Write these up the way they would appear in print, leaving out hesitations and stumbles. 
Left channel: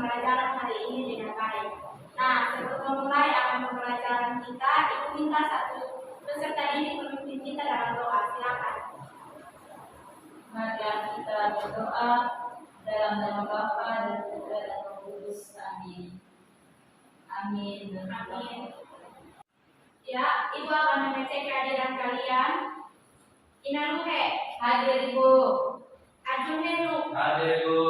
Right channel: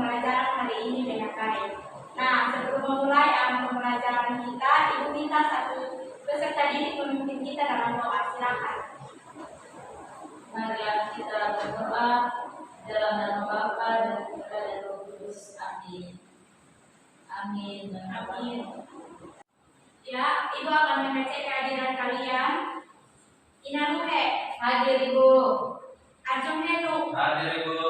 pembelajaran hari ini dengan baik. Nah, sebelum memulai akan pembelajaran kita, Ibu minta satu peserta didik memimpin kita dalam doa. Silakan. Mari kita berdoa dalam nama Bapa dan Putra dan Roh Kudus. Amin. Amin. Amin. Ya, Ibu akan mengecek kehadiran kalian. Inanuhe. Hadir Ibu. Arjun Henu. Hadir Ibu.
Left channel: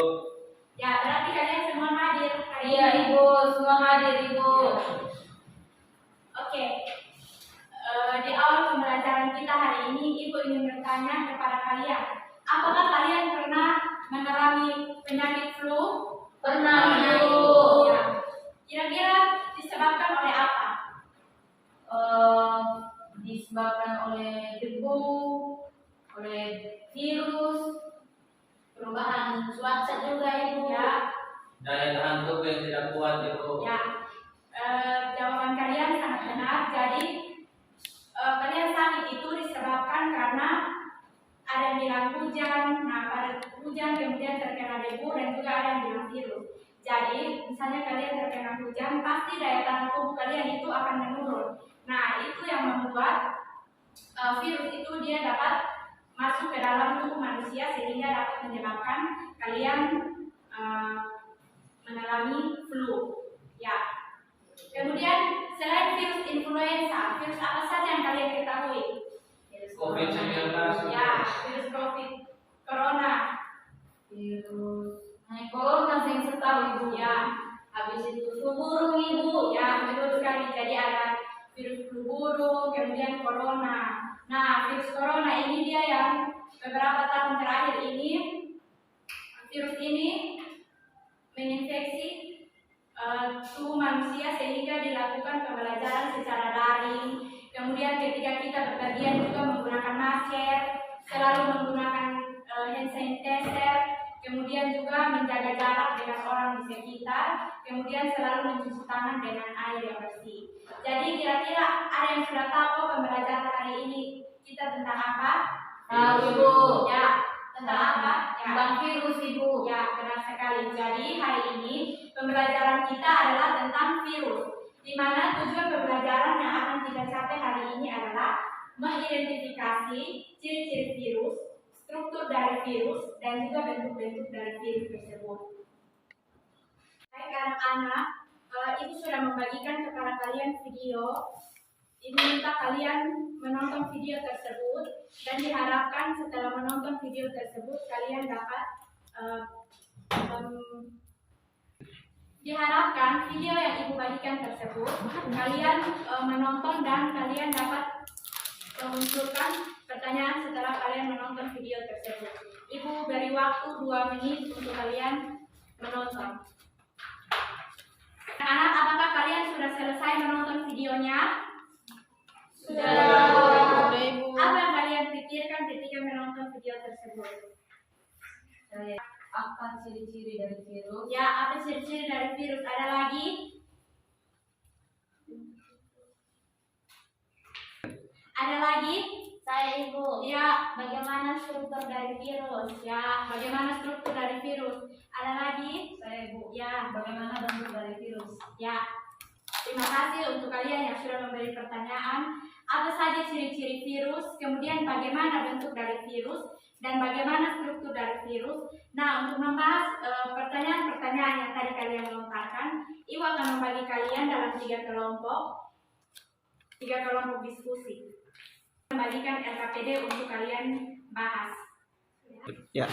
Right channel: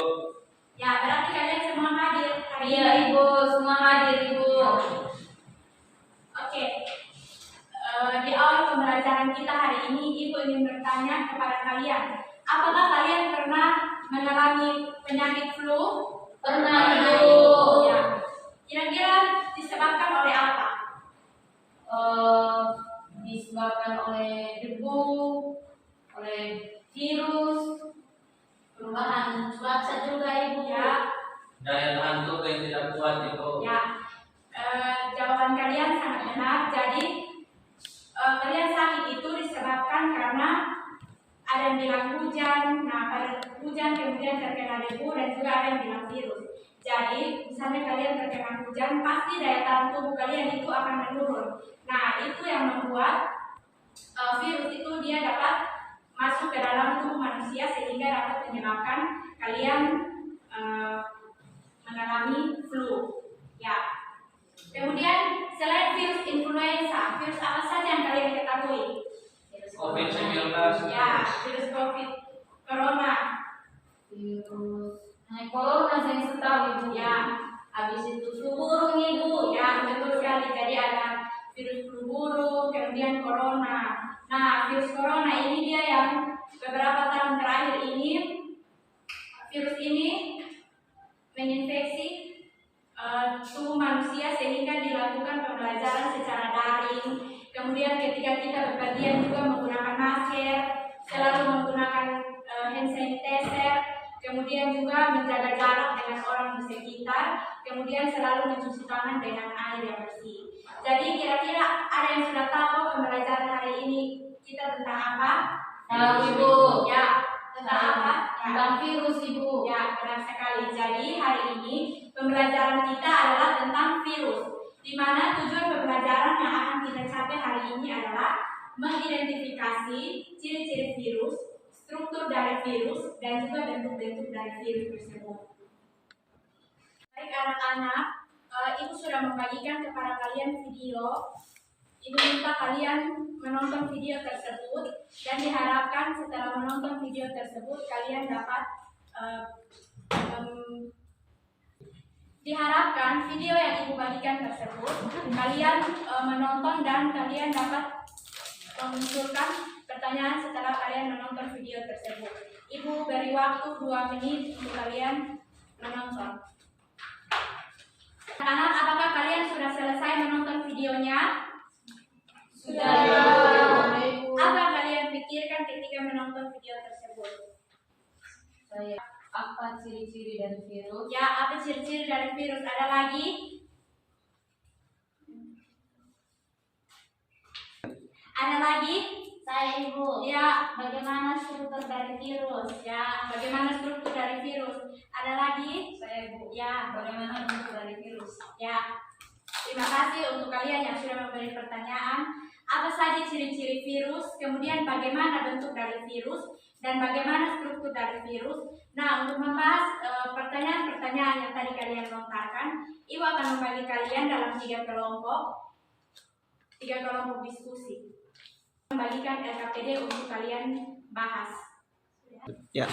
Ya, berarti kalian semua hadir hari Iya ini. Ibu, semua hadir Ibu. Oke. Di awal pembelajaran kita hari ini, Ibu ingin bertanya kepada kalian, apakah kalian pernah mengalami penyakit flu? Pernah Ibu. Ya. Kira-kira disebabkan oleh apa? Disebabkan oleh debu, oleh virus, perubahan cuaca juga Ibu. Ya. Daya tahan tubuh yang tidak kuat Ibu. Ya. Jawaban kalian sangat benar. Jadi kalian sakit itu disebabkan karena ada yang bilang hujan. Nah, pada hujan kemudian terkena debu dan juga ada yang bilang virus. Jadi, misalnya kalian terkena hujan, pasti daya tahan tubuh kalian itu akan menurun. Nah, itu yang membuat virus itu dia dapat masuk ke dalam tubuh manusia sehingga dapat menyebabkan kalian mengalami flu. Ya. Kemudian selain virus influenza, virus apa saja yang kalian ketahui? Virus COVID-19. Ya, virus COVID, corona. Corona saya setahu Ibu. Ya, Habis itu flu burung Ibu. ya betul sekali. Jadi ada virus flu burung, kemudian corona. Nah, virus corona ini dia yang beberapa tahun terakhir ini, virus ini menginfeksi tubuh manusia sehingga dilakukan pembelajaran secara daring. Kemudian ketika kita bepergian juga menggunakan masker, selalu menggunakan hand sanitizer, kemudian juga menjaga jarak dengan orang di sekitar, kemudian selalu mencuci tangan dengan air yang bersih. Jadi kira-kira ada yang sudah tahu pembelajaran hari ini kita tentang apa? Tahu Ibu. Ya, tentang apa? Ya. Tentang virus Ibu. Ya, benar sekali. Jadi hari ini pembelajaran kita adalah tentang virus, di mana tujuan pembelajaran yang akan kita capai hari ini adalah mengidentifikasi ciri-ciri virus, struktur dari virus, dan juga bentuk-bentuk dari virus tersebut. Baik anak-anak, Ibu sudah membagikan kepada kalian video. Ibu minta kalian menonton video tersebut dan diharapkan setelah menonton video tersebut kalian dapat diharapkan video yang Ibu bagikan tersebut kalian menonton dan kalian dapat memunculkan pertanyaan setelah kalian menonton video tersebut. Ibu beri waktu 2 menit untuk kalian menonton. Anak, apakah kalian sudah selesai menonton videonya? Sudah. Apa yang kalian pikirkan ketika menonton video tersebut? Apa ciri-ciri dari virus? Ya, apa ciri-ciri dari virus? Ada lagi? Ada lagi? Saya Ibu. Ya, Bagaimana struktur dari virus? ya, bagaimana struktur dari virus? Ada lagi? Saya Ibu. Ya, Bagaimana bentuk dari virus? ya. Terima kasih untuk kalian yang sudah memberi pertanyaan. Apa saja ciri-ciri virus, kemudian bagaimana bentuk dari virus, dan bagaimana struktur dari virus. Nah, untuk membahas pertanyaan-pertanyaan yang tadi kalian lontarkan, Ibu akan membagi kalian dalam 3 kelompok diskusi. Membagikan LKPD untuk kalian bahas. Ya.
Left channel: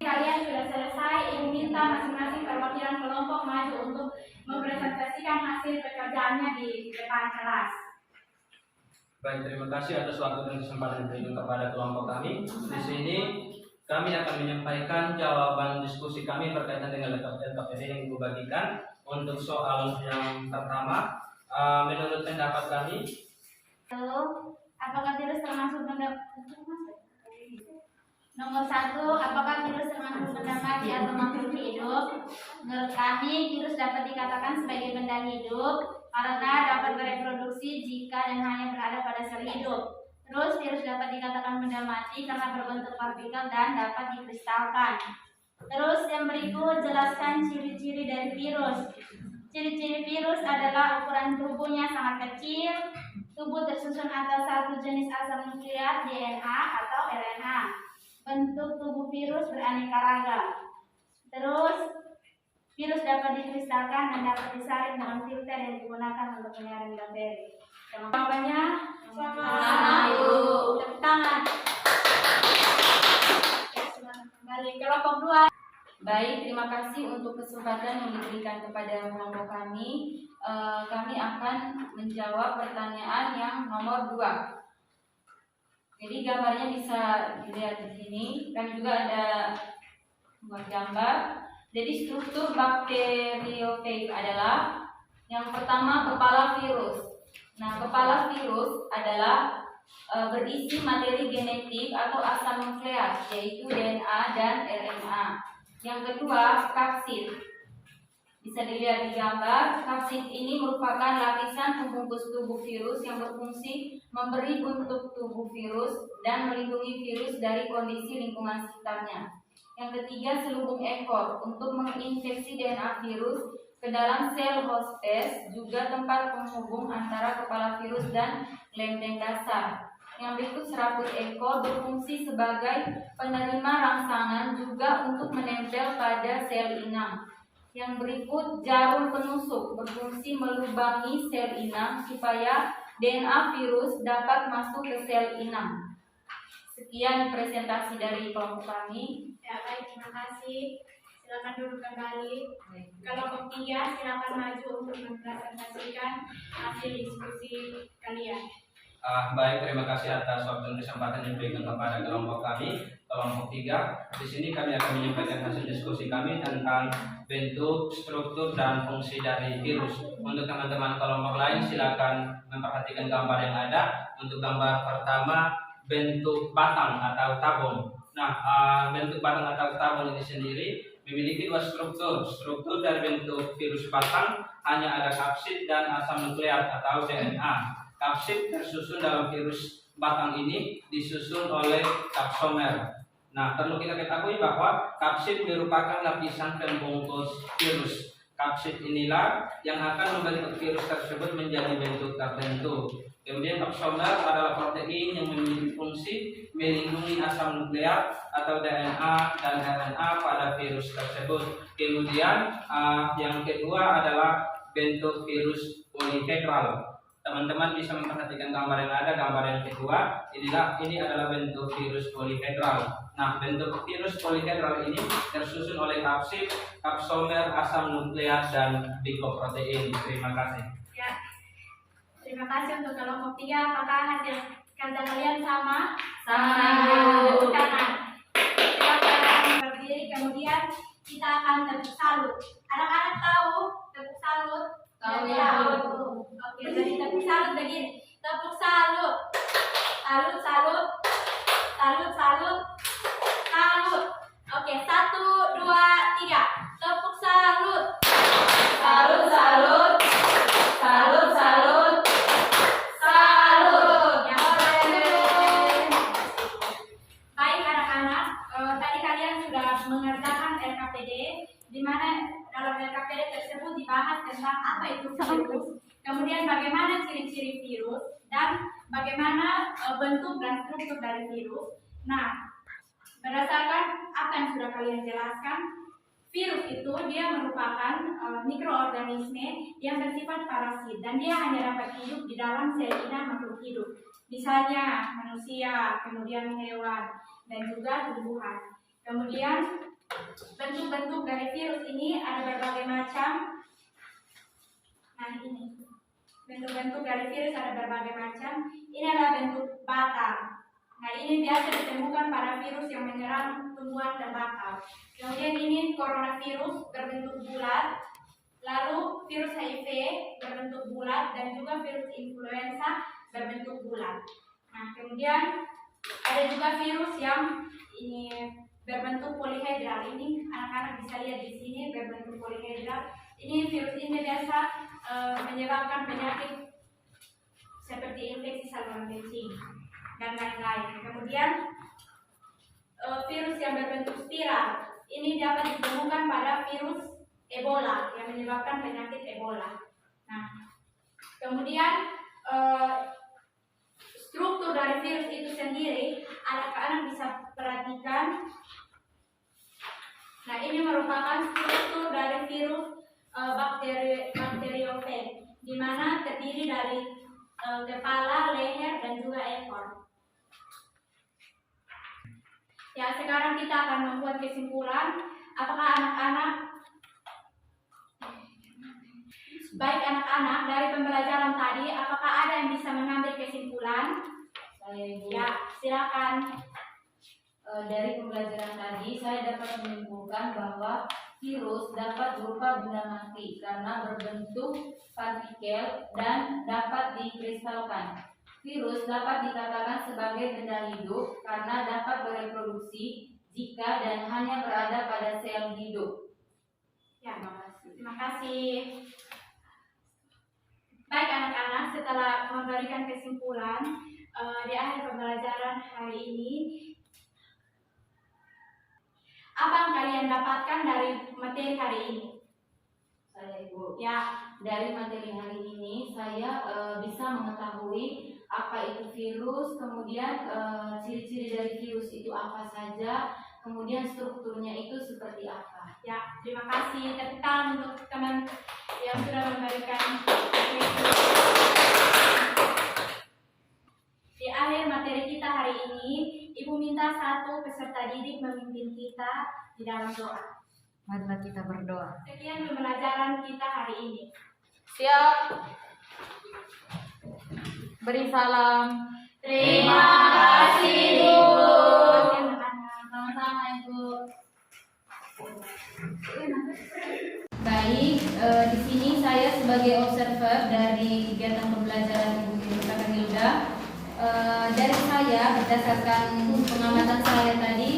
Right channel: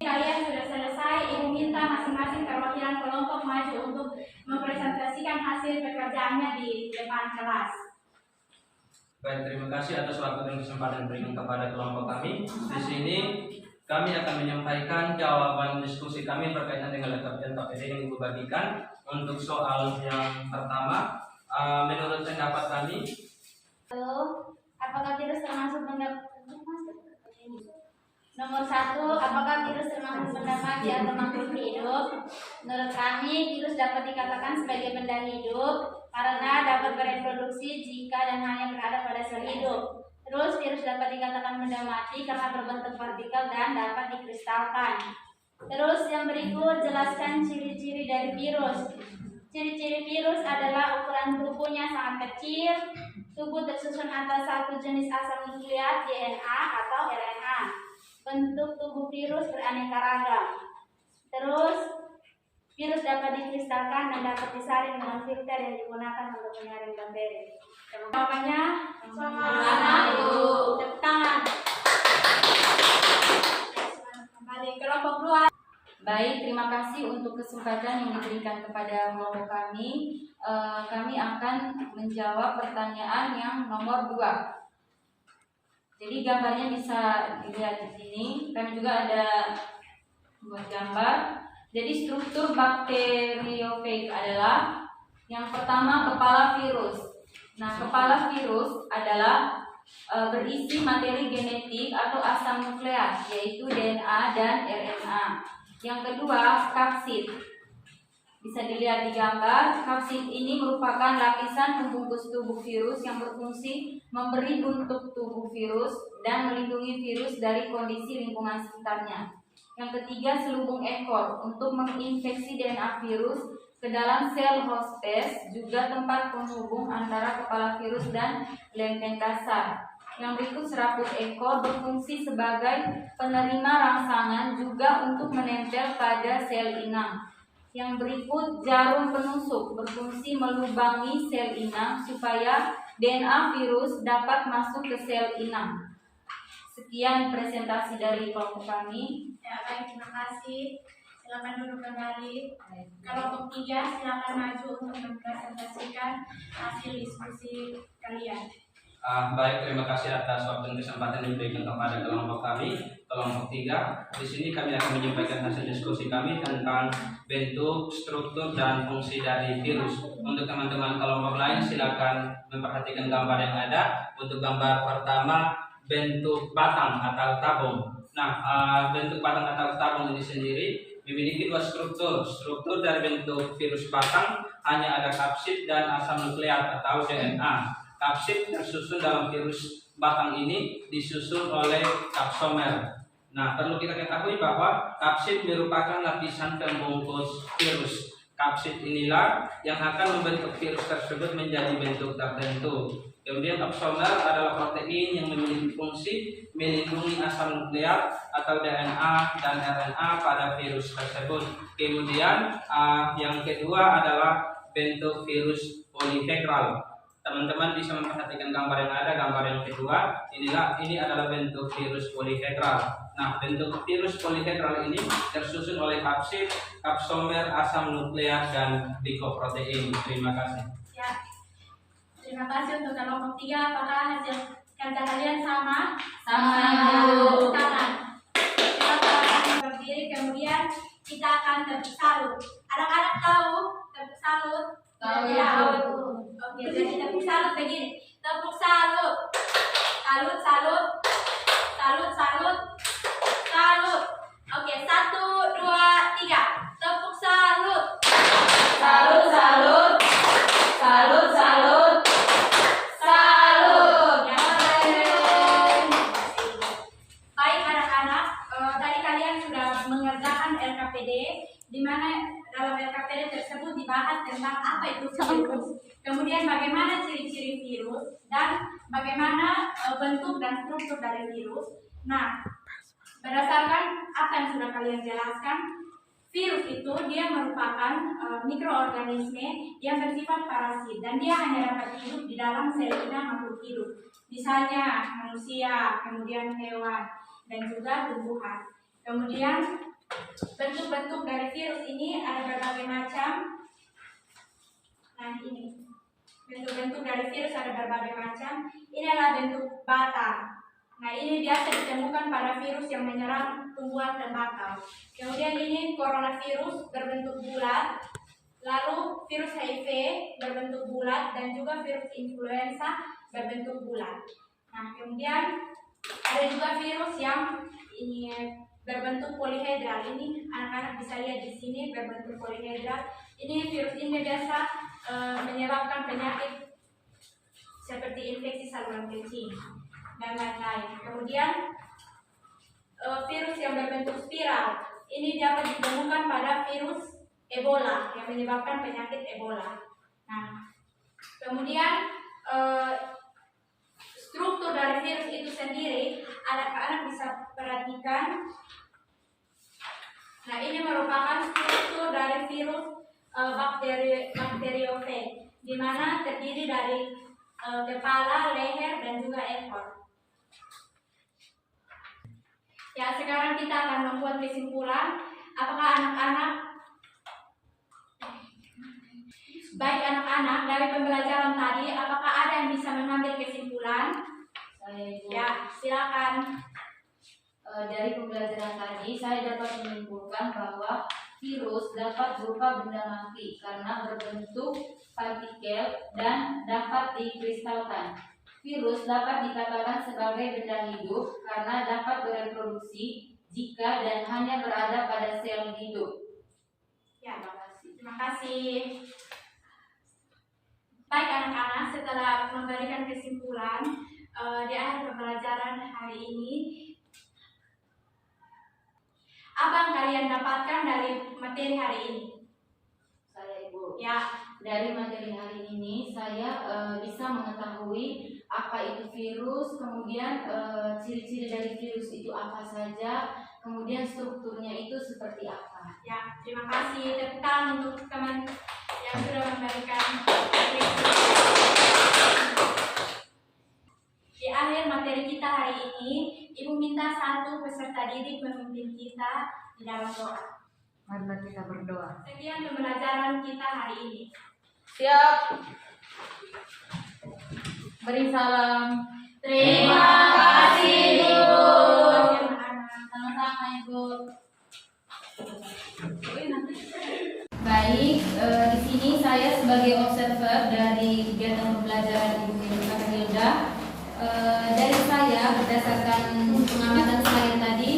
Kalian sudah selesai, Ibu minta masing-masing perwakilan kelompok maju untuk mempresentasikan hasil pekerjaannya di depan kelas. Baik, terima kasih atas waktu dan kesempatan diberikan kepada kelompok kami. Di sini kami akan menyampaikan jawaban diskusi kami berkaitan dengan LKPD yang Ibu bagikan. Untuk soal yang pertama, menurut pendapat kami, apakah virus termasuk benda nomor 1, apakah virus termasuk benda mati atau makhluk hidup? Menurut kami, virus dapat dikatakan sebagai benda hidup karena dapat bereproduksi jika dan hanya berada pada sel hidup. Terus, virus dapat dikatakan benda mati karena berbentuk partikel dan dapat dikristalkan. Terus, yang berikut jelaskan ciri-ciri dari virus. Ciri-ciri virus adalah ukuran tubuhnya sangat kecil, tubuh tersusun atas satu jenis asam nukleat DNA atau RNA. Bentuk tubuh virus beraneka ragam. Terus, virus dapat dikristalkan dan dapat disaring dalam filter yang digunakan untuk menyaring bakteri. Jawabannya Selamat, Ibu. tepuk tangan. Kembali kelompok 2. Baik, terima kasih untuk kesempatan yang diberikan kepada kelompok kami. Kami akan menjawab pertanyaan yang nomor 2. Jadi gambarnya bisa dilihat di sini. Kami juga ada buat gambar. Jadi struktur bakteriofag adalah yang pertama kepala virus. Nah, kepala virus adalah berisi materi genetik atau asam nukleat, yaitu DNA dan RNA. Yang kedua, kapsid. Bisa dilihat di gambar, kapsid ini merupakan lapisan pembungkus tubuh virus yang berfungsi memberi bentuk tubuh virus dan melindungi virus dari kondisi lingkungan sekitarnya. Yang ketiga, selubung ekor untuk menginfeksi DNA virus ke dalam sel hostes, juga tempat penghubung antara kepala virus dan lempeng dasar. Yang berikut, serabut ekor berfungsi sebagai penerima rangsangan juga untuk menempel pada sel inang. Yang berikut, jarum penusuk berfungsi melubangi sel inang supaya DNA virus dapat masuk ke sel inang. Sekian presentasi dari kelompok kami. Ya, baik, terima kasih. Silakan duduk kembali. Kelompok 3 silakan maju untuk mempresentasikan hasil diskusi kalian. Baik, terima kasih atas waktu dan kesempatan yang diberikan kepada kelompok kami, kelompok 3. Di sini kami akan menyampaikan hasil diskusi kami tentang bentuk, struktur, dan fungsi dari virus. Untuk teman-teman kelompok lain, silakan memperhatikan gambar yang ada. Untuk gambar pertama, bentuk batang atau tabung. Nah, bentuk batang atau tabung ini sendiri memiliki dua struktur. Struktur dari bentuk virus batang hanya ada kapsid dan asam nukleat atau DNA. Kapsid tersusun dalam virus batang ini disusun oleh kapsomer. Nah, perlu kita ketahui bahwa kapsid merupakan lapisan pembungkus virus. Kapsid inilah yang akan membentuk virus tersebut menjadi bentuk tertentu. Kemudian kapsomer adalah protein yang memiliki fungsi melindungi asam nukleat atau DNA dan RNA pada virus tersebut. Kemudian yang kedua adalah bentuk virus polihedral. Teman-teman bisa memperhatikan gambar yang ada, gambar yang kedua. Ini adalah bentuk virus polihedral. Nah, bentuk virus polihedral ini tersusun oleh kapsid, kapsomer, asam nukleat, dan glycoprotein. Terima kasih. Ya, terima kasih untuk kelompok 3. Apakah hasil kerja kalian sama? Sama, Tepuk Ibu. tangan. Silakan berdiri, kemudian kita akan tepuk salut. Anak-anak tahu tepuk salut? Tahu, Ya, Ibu. Oke, jadi tepuk salut begini. Tepuk salut. Salut, salut. Salut, salut. Salut. Oke, 1, 2, 3. Tepuk salut. Salut, salut. Salut, salut. Salut. Yang keren. Baik anak-anak, tadi kalian sudah mengerjakan LKPD, di mana dalam LKPD tersebut dibahas tentang apa itu virus, kemudian bagaimana ciri-ciri virus, dan bagaimana bentuk dan struktur dari virus. Nah, berdasarkan apa yang sudah kalian jelaskan, virus itu dia merupakan mikroorganisme yang bersifat parasit dan dia hanya dapat hidup di dalam sel inang makhluk hidup, misalnya manusia, kemudian hewan, dan juga tumbuhan. Kemudian bentuk-bentuk dari virus ini ada berbagai macam. Nah, ini bentuk-bentuk dari virus ada berbagai macam. Ini adalah bentuk batang. Nah, ini biasa ditemukan pada virus yang menyerang tumbuhan tembakau. Kemudian ini coronavirus berbentuk bulat, lalu virus HIV berbentuk bulat, dan juga virus influenza berbentuk bulat. Nah, kemudian ada juga virus yang ini berbentuk polihedral. Ini anak-anak bisa lihat di sini berbentuk polihedral. Ini virus ini biasa menyebabkan penyakit seperti infeksi saluran kencing dan lain-lain. Kemudian virus yang berbentuk spiral ini dapat ditemukan pada virus Ebola yang menyebabkan penyakit Ebola. Nah, kemudian struktur dari virus itu sendiri, anak-anak bisa perhatikan. Nah, ini merupakan struktur dari virus bakteriofag, di mana terdiri dari kepala, leher, dan juga ekor. Ya, sekarang kita akan membuat kesimpulan. Apakah baik anak-anak dari pembelajaran tadi, apakah ada yang bisa mengambil kesimpulan? Saya Ibu. Ya, silakan. Dari pembelajaran tadi saya dapat menyimpulkan bahwa virus dapat berupa benda mati karena berbentuk partikel dan dapat dikristalkan. Virus dapat dikatakan sebagai benda hidup karena dapat bereproduksi jika dan hanya berada pada sel hidup. Ya, terima kasih. Baik anak-anak, setelah memberikan kesimpulan di akhir pembelajaran hari ini, apa yang kalian dapatkan dari materi hari ini? Saya Ibu. Ya, Dari materi hari ini saya bisa mengetahui apa itu virus, kemudian ciri-ciri dari virus itu apa saja, kemudian strukturnya itu seperti apa. ya, terima kasih. Tepuk tangan untuk teman yang sudah memberikan materi. Di akhir materi kita hari ini, Ibu minta satu peserta didik memimpin kita di dalam doa. Marilah kita berdoa. Sekian pembelajaran kita hari ini. Siap. Beri salam. Terima kasih, Bu. Sama-sama Ibu. Baik, di sini saya sebagai observer dari kegiatan pembelajaran Ibu Hilda. Dari saya berdasarkan pengamatan saya tadi,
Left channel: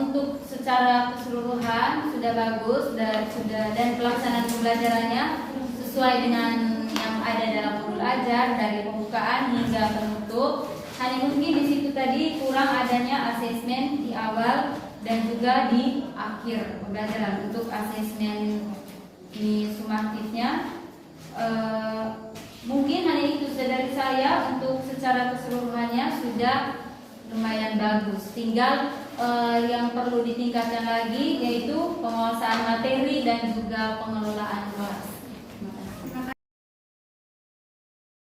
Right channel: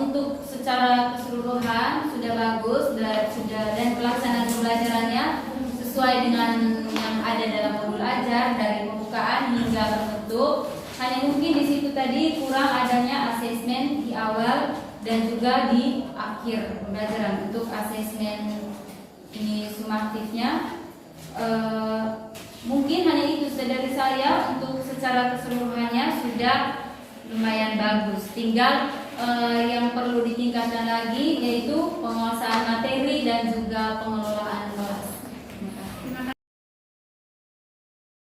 untuk secara keseluruhan sudah bagus dan pelaksanaan pembelajarannya sesuai dengan yang ada dalam modul ajar dari pembukaan hingga penutup. Hanya mungkin di situ tadi kurang adanya asesmen di awal dan juga di akhir pembelajaran. Untuk asesmen ini sumatifnya mungkin hanya itu saja dari saya. Untuk secara keseluruhannya sudah lumayan bagus. Tinggal yang perlu ditingkatkan lagi yaitu penguasaan materi dan juga pengelolaan kelas.